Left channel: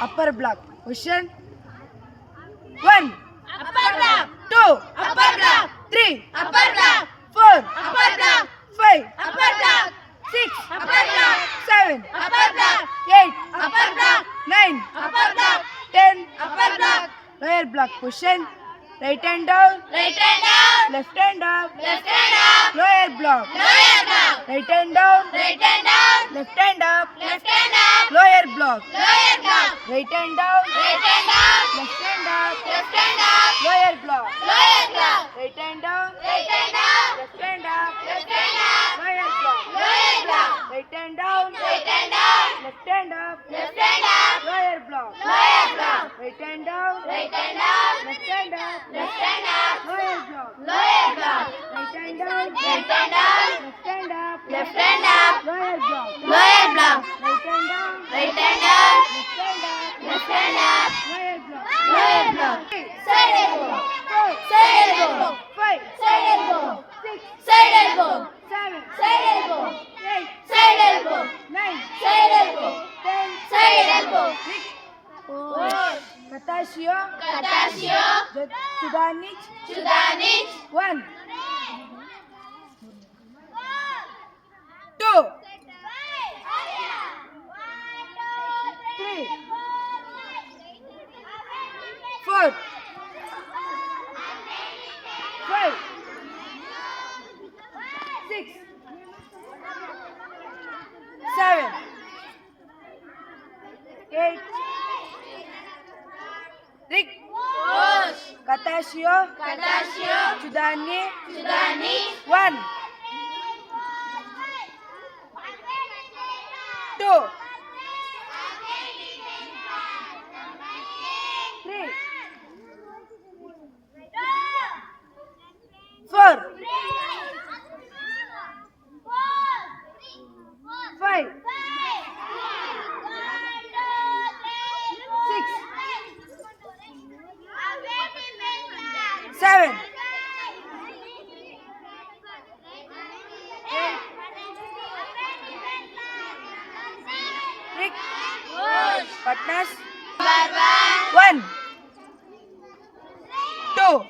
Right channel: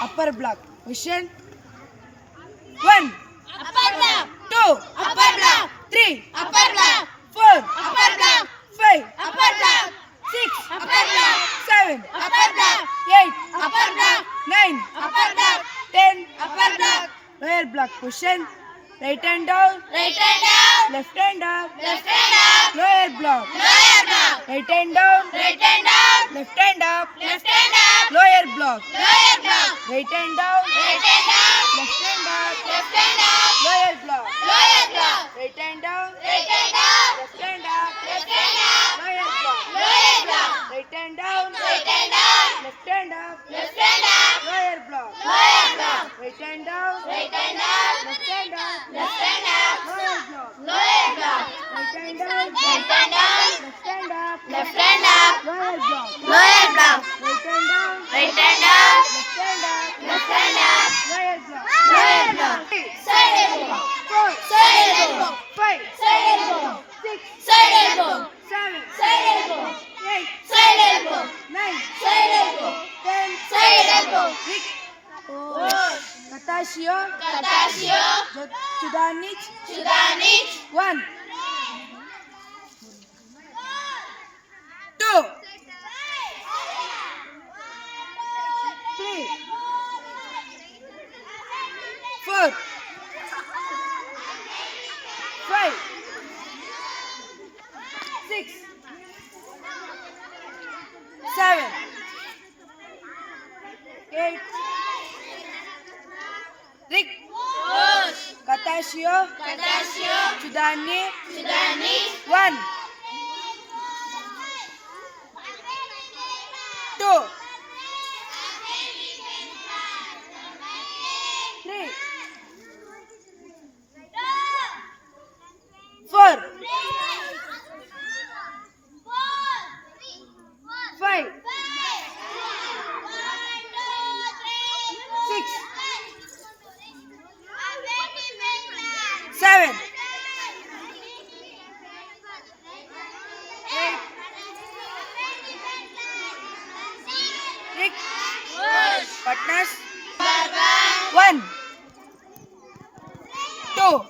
upper block. Question 1, upper block, 2, upper block, 3, upper block, 4, upper block, 5, upper block, 6, upper block, 7, upper block, 8, upper block, 9, upper block, 10, upper block, lower block. Question right hand down, right hand down, left hand up, left hand up, lower block. lower block, Right hand down, right hand down, left hand up, left hand up, lower block. lower block, Right hand down, right hand down, left hand up, left hand up, lower block. lower block, Right hand down, right hand down, left hand up, left hand up, lower block. lower block, Right hand down, right hand down, left hand up, left hand up, lower block. lower block, Right hand down, right hand down, left hand up, left hand up, lower block. lower block, Right hand down, right hand down, left hand up, left hand up, lower block. lower block, Right hand down, right hand down, left hand up, left hand up, lower block. lower block, 3, side elbow, 4, side elbow, 5, side elbow, 6, side elbow, 7, side elbow, 8, side elbow, 9, side elbow, 10, side elbow, Katasio, Katasio, Chudanic, Chudanic, 1, 2, 3, 4, 5, 6, 7, 8, Rick, Katasio, Katasio, Chudani, Chudanic, 1, 2, 3, 4, 5, 6, 7, 8, Rick, partners, 1, 2,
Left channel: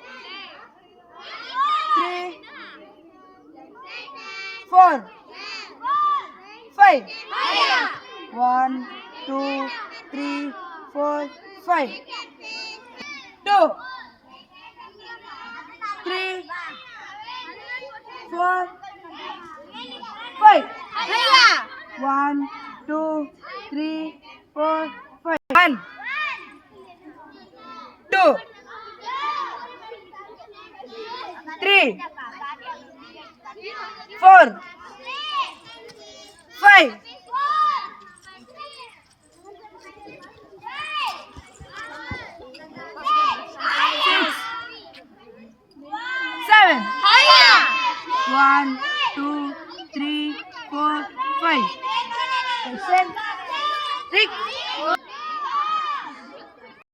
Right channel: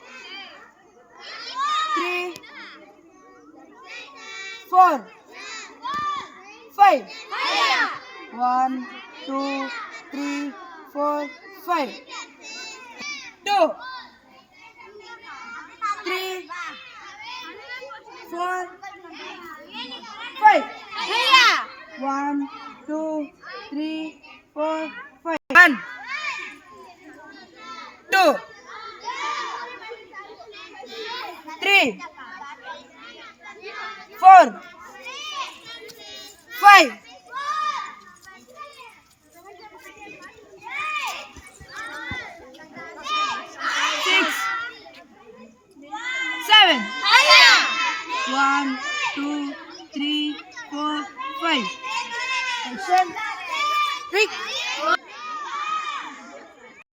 3, 4, 5, 1, 2, 3, 4, 5, 2, 3, 4, 5, 1, 2, 3, 4, 5, 1, 2, 3, 4, 5, 6, 7, 1, 2, 3, 4, 5. Rick,